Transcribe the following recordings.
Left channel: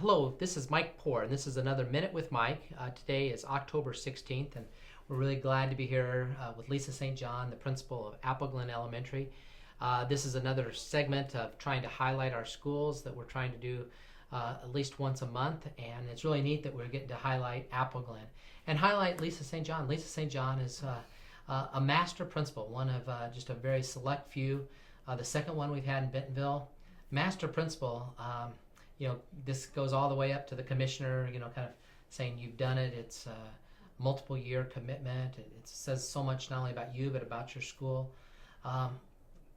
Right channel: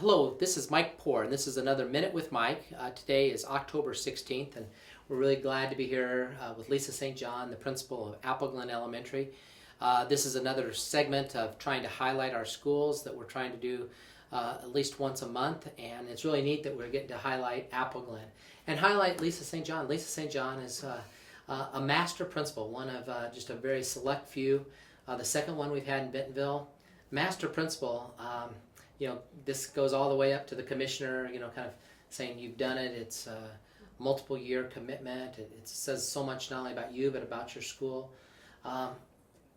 Hello, this is Mike Poor, and this is another Minute with Mike. Today is October 16th, and we're really glad to be here with Lisa St. John, the principal of Apple Glen Elementary. This is another segment of trying to highlight our schools that we're trying to do at least once a month, and it's really neat that we're getting to highlight Apple Glen and highlight Lisa St. John. Lisa St. John is a master principal, one of just a very select few. The second one we've had in Bentonville. Master principal. This goes all the way up to the commissioner, kind of saying you've done it. It's a multiple year commitment. It says so much not only about you, but about your school.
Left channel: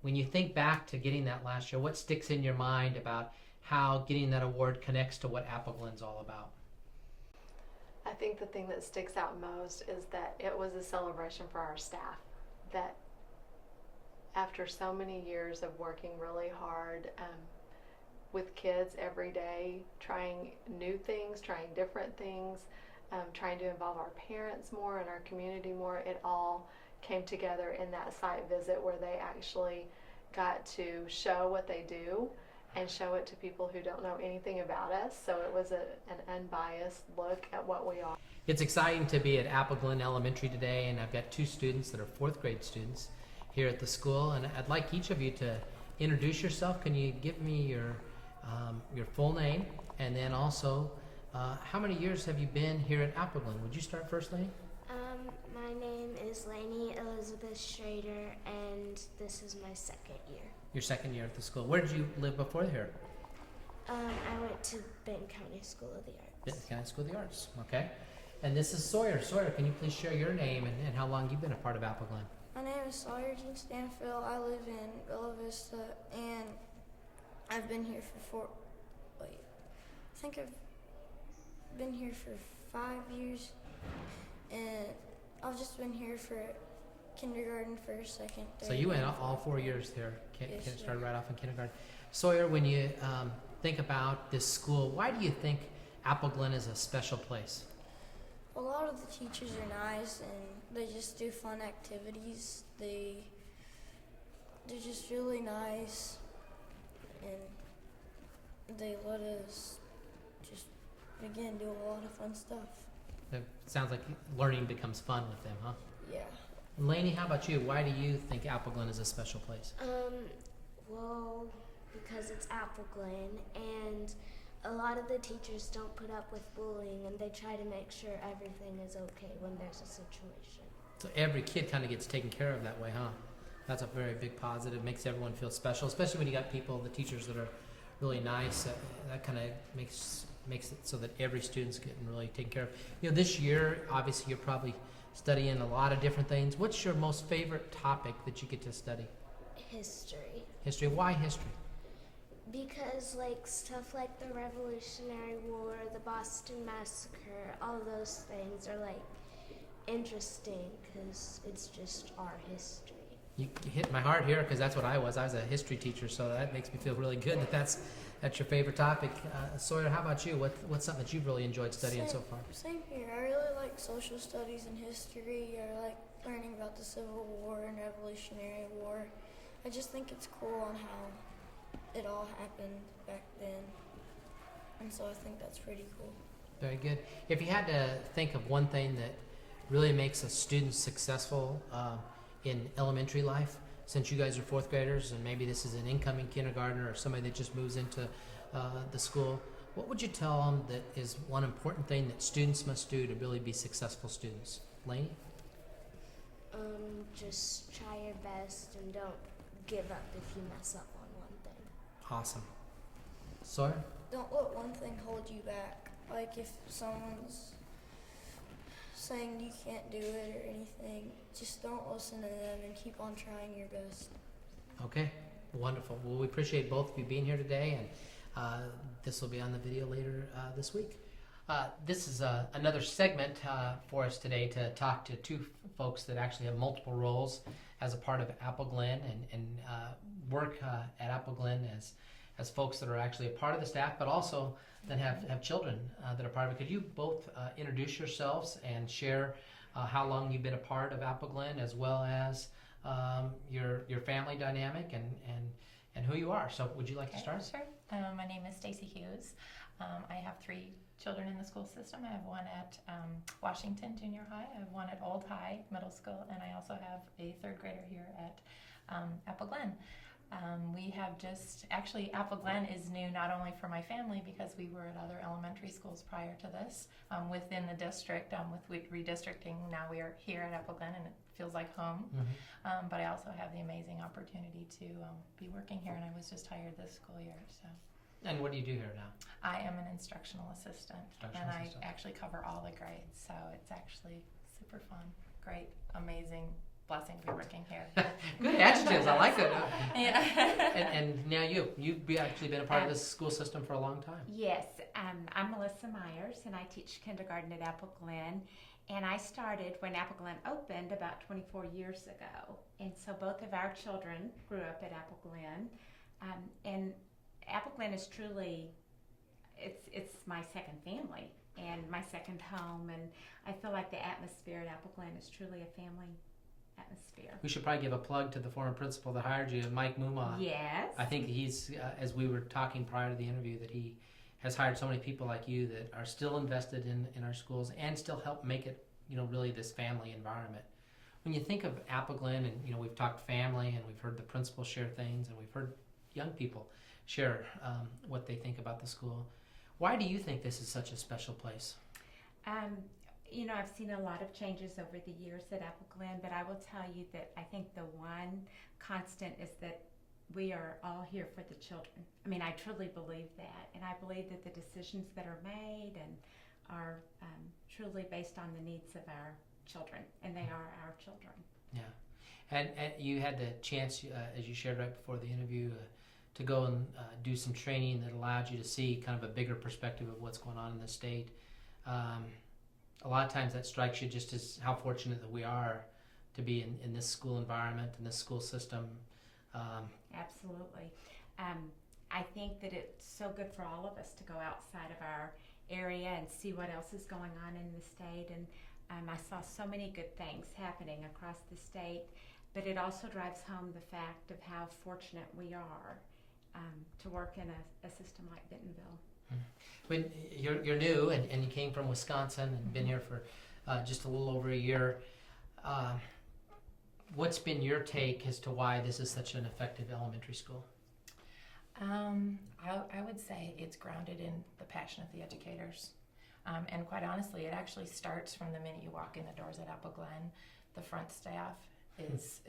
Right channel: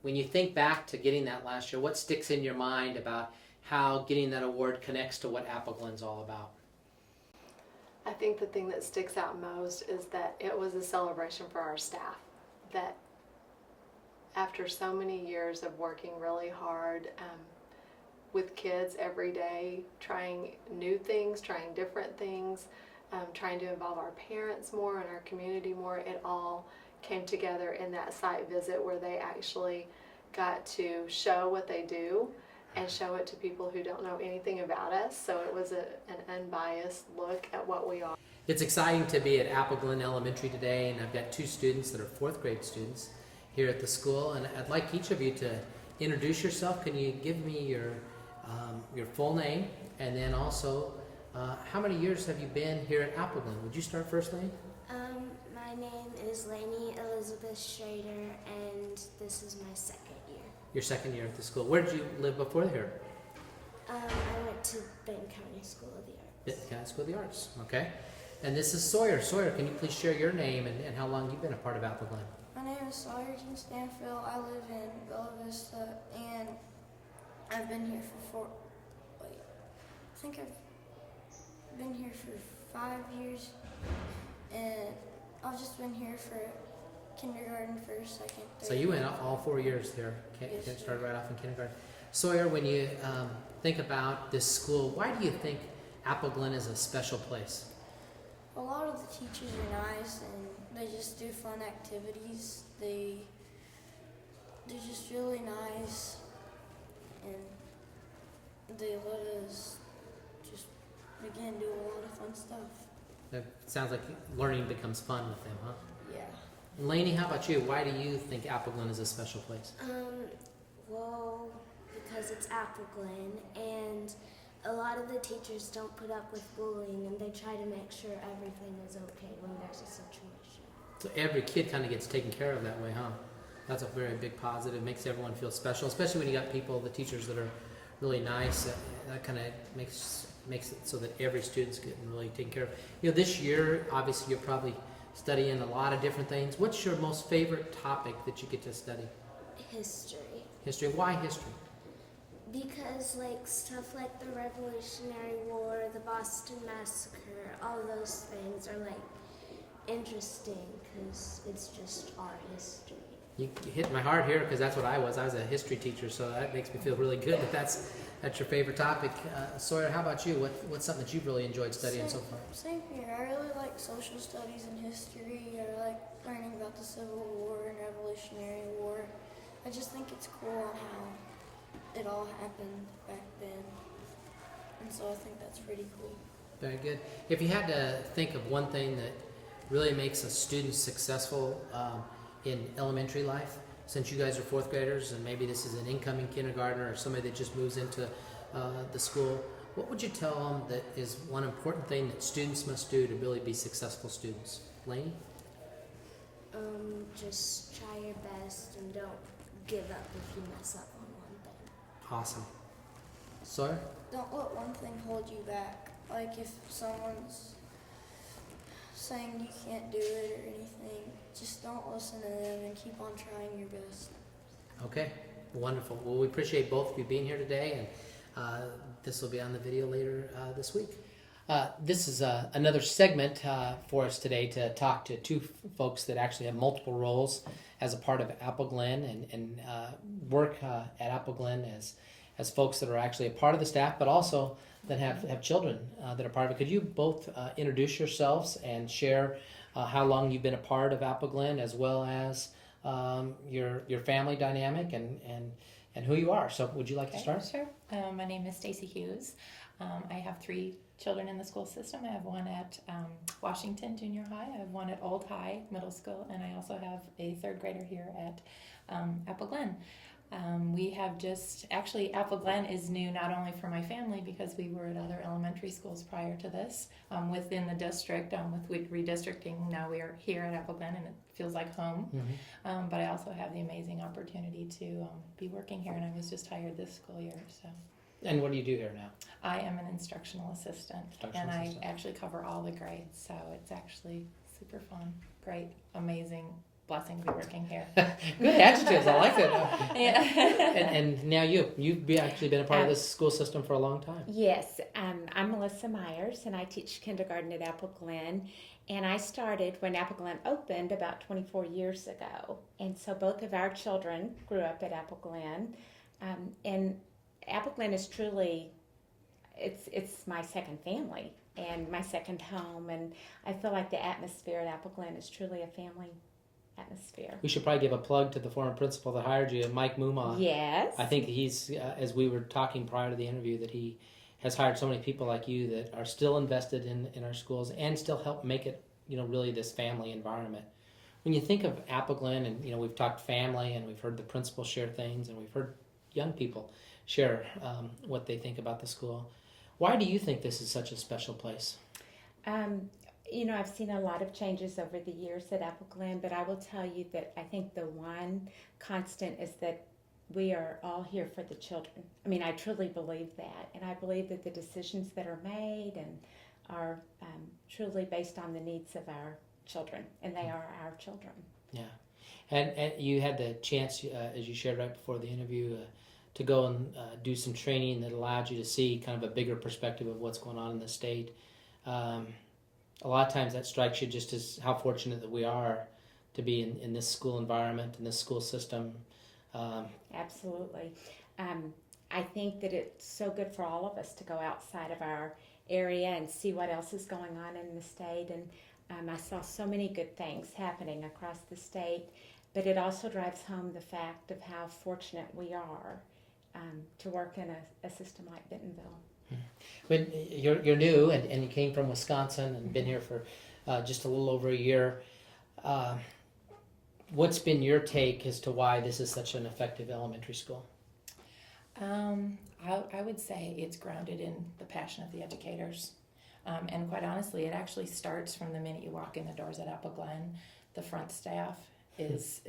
When you think back to getting that last year, what sticks in your mind about how getting that award connects to what Apple Glen's all about? I think the thing that sticks out most is that it was a celebration for our staff. That after so many years of working really hard, with kids every day, trying new things, trying different things, trying to involve our parents more and our community more. It all came together in that site visit where they actually got to show what they do and show it to people who don't know anything about us. So it was an unbiased look at what we are. It's exciting to be at Apple Glen Elementary today, and I've got two students that are fourth grade students here at the school, and I'd like each of you to introduce yourself. Can you give me your full name, and then also how many years have you been here at Apple Glen? Would you start first, Lane? My name is Lainey Elizabeth Schrader, and this is my second year. Your second year at the school. Where did you live before here? I went to Benton County School of the Arts. Benton County School of the Arts. Okay. And this is Sawyer. Sawyer, can you please share your name and how long you've been a part of Apple Glen? My name is Sawyer Jean Stanfield. I live in Bella Vista, and I've been here I think I've been here for 5 years, and I've just been here for kindergarten, first, second, third. So you went off all 4 years there. Yes, Started right off in kindergarten. Sawyer, when you think about this school, why do you think Apple Glen is a special place? A lot of the teachers are nice, and they just do fun activities. They're just really nice, and they let us just, again, do a lot of fun stuff. It sounds like learning becomes fun with them, huh? Yeah. Lainey, how about you? Why do you think Apple Glen is a special place? Well, because it's Apple Glen, and a lot of the teachers don't put up with bullying, and they try to make sure everything is okay when there's a situation. So every kid kind of gets taken care of that way, huh? That's a very big positive. Makes everyone feel special, especially when you got people, the teachers that are really nice. That kind of makes it so that every student's getting really taken care of. This year, obviously, you're probably studying a lot of different things. What's your most favorite topic that you get to study? History. History. Why history? Because stuff like the Revolutionary War, the Boston Massacre, all those things are interesting because it's just our history. You hit my heart here because that's what I was. I was a history teacher, so that makes me feel really good that that's your favorite topic. Sawyer, how about you? What's something that you've really enjoyed studying so far? Same here. I really like social studies and history. I like learning about the Civil War and Revolutionary War. I just think it's cool on how it all happened back then, and so I think that's pretty cool. Very good. If you had to think of one thing that really makes a student successful in elementary life, since you guys are fourth graders and maybe this is an incoming kindergartner or somebody that just moves into the school, what would you tell them that is one important thing that students must do to really be successful students? Lainey? Just try your best and don't give up if you mess up on one thing. Awesome. Sawyer? Don't let one thing hold you back. Like if someone's saying you can't do it or anything, just don't listen to them and keep on trying your best. Okay, wonderful. Well, we appreciate both of you being here today, and this will be on the video later this week. This is another segment for us today to talk to two folks that actually have multiple roles as a part of Apple Glen and work at Apple Glen as folks that are actually a part of the staff, but also that have children that are part of it. Could you both introduce yourselves and share how long you've been a part of Apple Glen, as well as your family dynamic, and and who you are. So would you like to start? Sure. My name is Stacy Hughes. I have 3 children in the school system. I have one at Washington Junior High. I have one at Old High Middle School, and I also have a 3rd grader here at Apple Glen. We have actually Apple Glen is new not only for my family because we were at other elementary schools prior to this within the district. With redistricting, now we are here at Apple Glen and it feels like home. Mm-hmm. But I also have the amazing opportunity to be working here, and I was just hired this school year. So And what do you do here now? I am an instructional assistant, Instructional and assistant. I actually cover all the grades. So it's actually super fun, great, amazing. Blessing to be working here. Good adjectives. I like it. Yeah. And now you've actually been a part of this school system for a long time. Yes, I'm Melissa Myers, and I teach kindergarten at Apple Glen. And I started when Apple Glen opened about 24 years ago. And so both of our children grew up at Apple Glen. And Apple Glen is truly, it's my second family and my second home. And I feel like the atmosphere at Apple Glen is truly a family atmosphere. We should probably give a plug to the former principal that hired you, Mike Muma. Yes. I think he's, as we were talking prior to the interview, that he has hired so many people like you that are still invested in our schools and still help make it, really this family environment. When you think of Apple Glen, and we've talked family, and we've heard the principal share things, and we've heard young people share what they think about the school. Why do you think this is such a special place? I've seen a lot of changes over the years at Apple Glen, but I will tell you that I think the one constant is that we are all here for the children. I mean, I truly believe that, and I believe that the decisions that are made and are truly based on the needs of our children, and they are our children. Yeah, and you had the chance, as you shared right before the interview, to go and do some training that allowed you to see kind of a bigger perspective of what's going on in the state. A lot of times that strikes you just as how fortunate that we are to be in this school environment, in this school system. Absolutely. I think that it's so good for all of us to go outside of our area and see what else is going on in the state. And I saw so many good things happening across the state, but it also drives home the fact of how fortunate we are to work in a system like Bentonville. When you're new and you came from Wisconsin and been here for just a little over a year, what's been your take as to why this is such an effective elementary school? I would say it's grounded in the passion of the educators. And quite honestly, it actually starts from the minute you walk in the doors at Apple Glen. The front staff is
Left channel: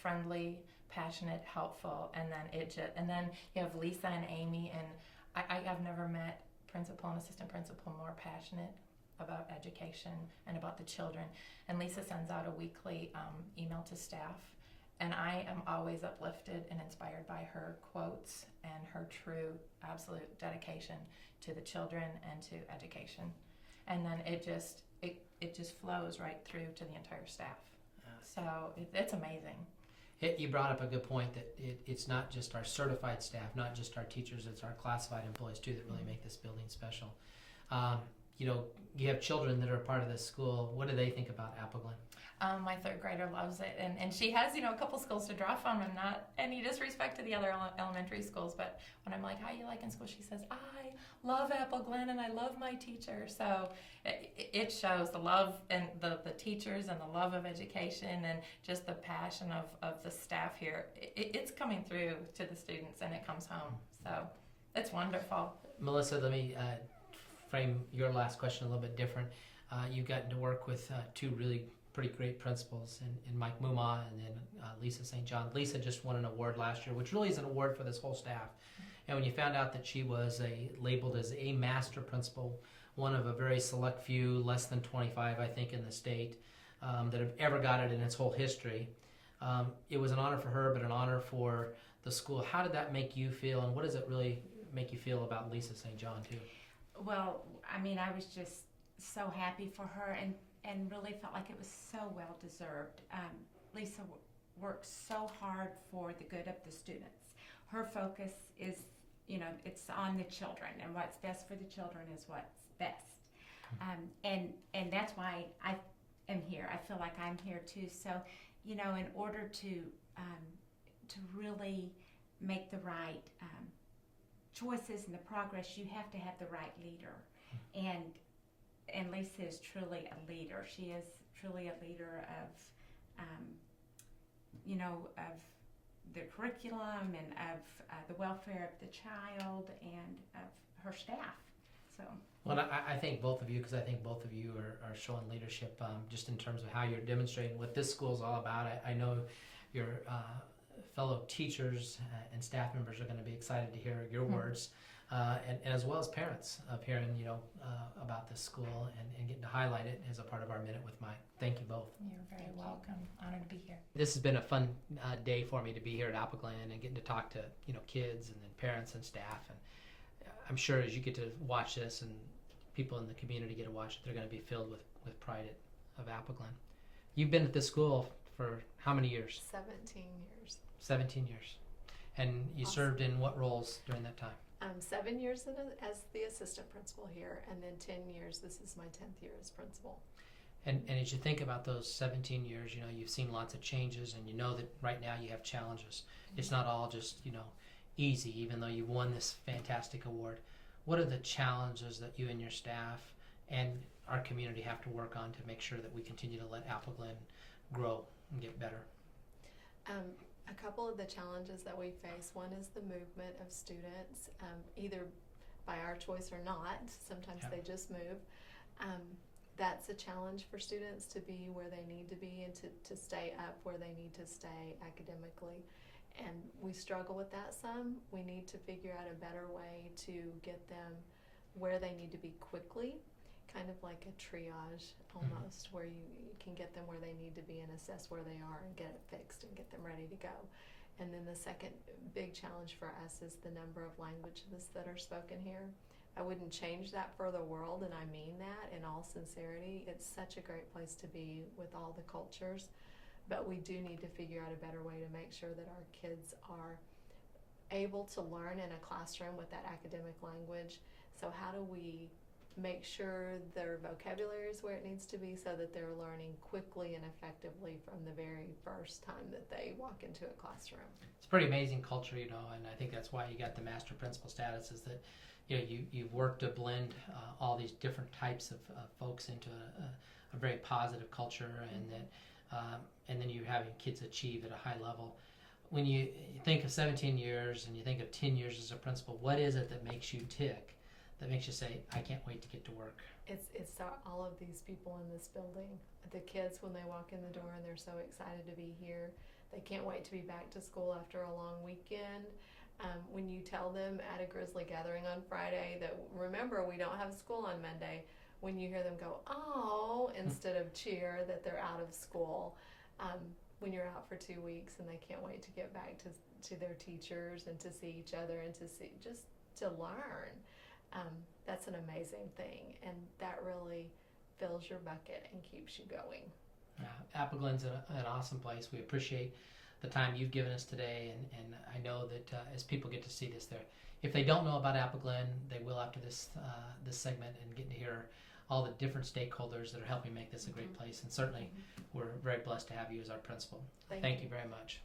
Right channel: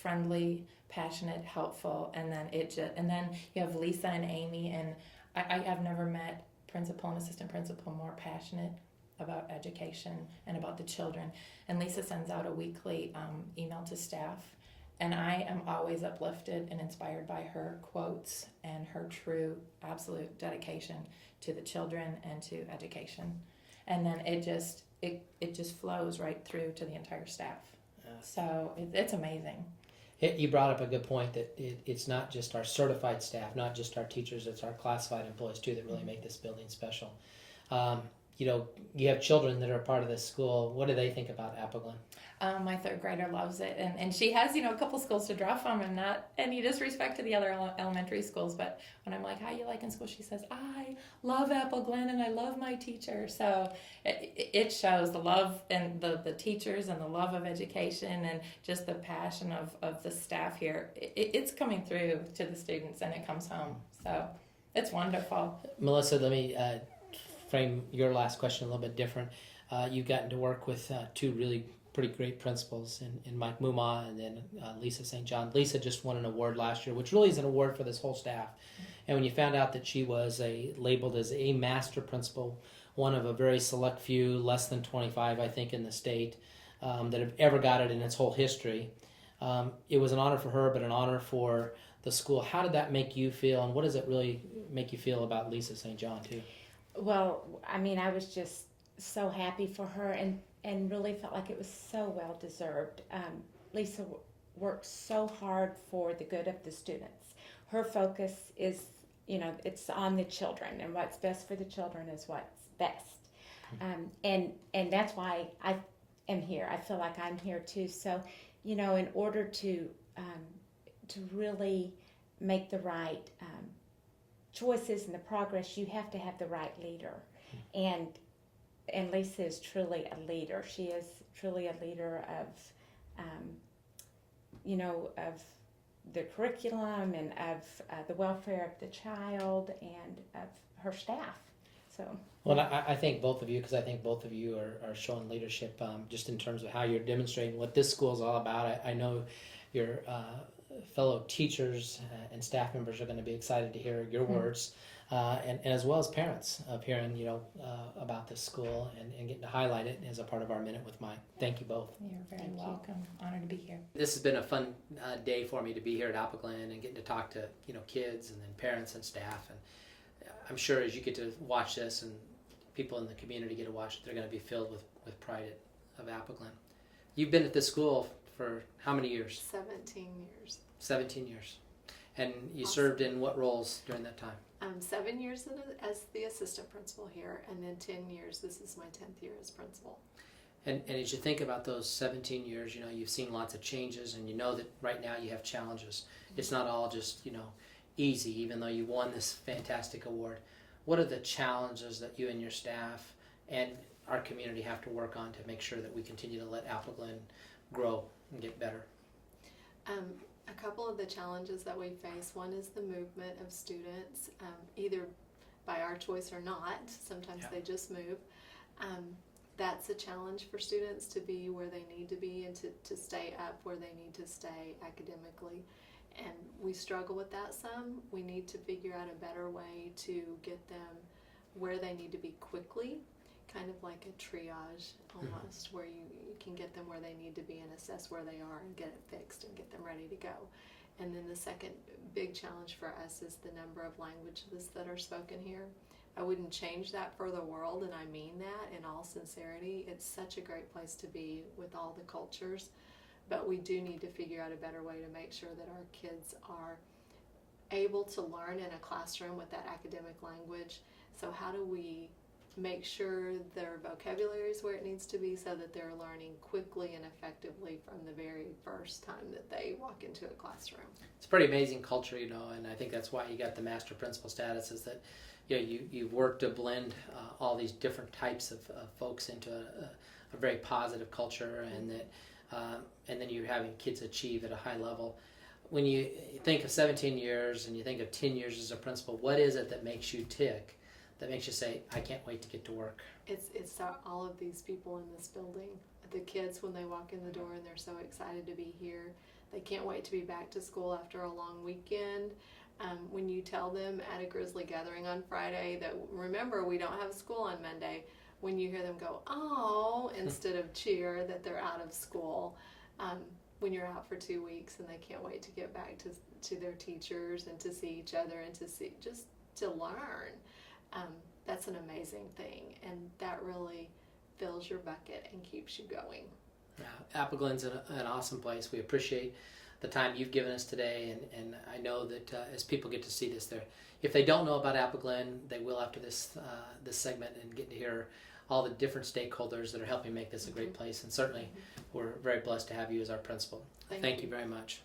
friendly, passionate, helpful, and then you have Lisa and Amy, and I've never met principal and assistant principal more passionate about education and about the children. And Lisa sends out a weekly email to staff, and I am always uplifted and inspired by her quotes and her true, absolute dedication to the children and to education. And then it just flows right through to the entire staff. Yeah. So it's amazing. You brought up a good point that it's not just our certified staff, not just our teachers, it's our classified employees too that really make this building special. You have children that are part of this school. What do they think about Apple Glen? My 3rd grader loves it, and she has a couple schools to draw from, and not any disrespect to the other elementary schools, but when I'm like, how you like in school, she says, I love Apple Glen and I love my teacher. So it shows the love and the teachers and the love of education and just the passion of the staff here. It's coming through to the students, and it comes home. So it's wonderful. Melissa, let me frame your last question a little bit different. You've gotten to work with 2 really pretty great principals in Mike Muma and then Lisa St. John. Lisa just won an award last year, which really is an award for this whole staff. And when you found out that she was labeled as a master principal, one of a very select few, less than 25, I think, in the state that have ever got it in its whole history, it was an honor for her, but an honor for the school. How did that make you feel, and what does it really make you feel about Lisa St. John, too? Well, I mean, I was just so happy for her and really felt like it was so well deserved. Lisa worked so hard for the good of the students. Her focus is, it's on the children, and what's best for the children is what's best. And that's why I am here. I feel like I'm here too. So, in order to really make the right choices and the progress, you have to have the right leader. And Lisa is truly a leader. She is truly a leader of, of the curriculum and of the welfare of the child and of her staff. So. Well, I thank both of you, because I think both of you are showing leadership just in terms of how you're demonstrating what this school is all about. I know your fellow teachers and staff members are going to be excited to hear your words, and as well as parents of hearing about this school and getting to highlight it as a part of our Minute with Mike. Thank you both. You're very welcome. Honored to be here. This has been a fun day for me to be here at Appleglen and getting to talk to kids and then parents and staff, and I'm sure as you get to watch this and people in the community get to watch it, they're going to be filled with pride of Appleglen. You've been at this school for how many years? 17 years. 17 years. And you Awesome. served in what roles during that time? 7 years as the assistant principal here, and then 10 years. This is my 10th year as principal. And as you think about those 17 years, you've seen lots of changes, and you know that right now you have challenges. It's not all just, easy, even though you won this fantastic award. What are the challenges that you and your staff and our community have to work on to make sure that we continue to let Appleglen grow and get better? A couple of the challenges that we face, one is the movement of students, either by our choice or not. Sometimes Yeah. they just move. That's a challenge for students to be where they need to be and to stay up where they need to stay academically. And we struggle with that some. We need to figure out a better way to get them where they need to be quickly, kind of like a triage almost, where you can get them where they need to be and assess where they are and get it fixed and get them ready to go. And then the second big challenge for us is the number of languages that are spoken here. I wouldn't change that for the world, and I mean that in all sincerity. It's such a great place to be with all the cultures. But we do need to figure out a better way to make sure that our kids are able to learn in a classroom with that academic language. So how do we make sure their vocabulary is where it needs to be so that they're learning quickly and effectively from the very first time that they walk into a classroom? It's a pretty amazing culture, and I think that's why you got the master principal status, is that you've worked to blend all these different types of folks into a very positive culture, and that and then you're having kids achieve at a high level. When you think of 17 years and you think of 10 years as a principal, what is it that makes you tick, that makes you say, I can't wait to get to work? It's all of these people in this building. The kids, when they walk in the door and they're so excited to be here, they can't wait to be back to school after a long weekend. When you tell them at a Grizzly gathering on Friday that, remember, we don't have school on Monday, when you hear them go, oh, instead of cheer that they're out of school, when you're out for 2 weeks and they can't wait to get back to their teachers and to see each other and just to learn, that's an amazing thing, and that really fills your bucket and keeps you going. Appleglen's an awesome place. We appreciate the time you've given us today, and I know that as people get to see this, if they don't know about Appleglen, they will after this segment, and get to hear all the different stakeholders that are helping make this a great place. And certainly we're very blessed to have you as our principal. Thank you very much.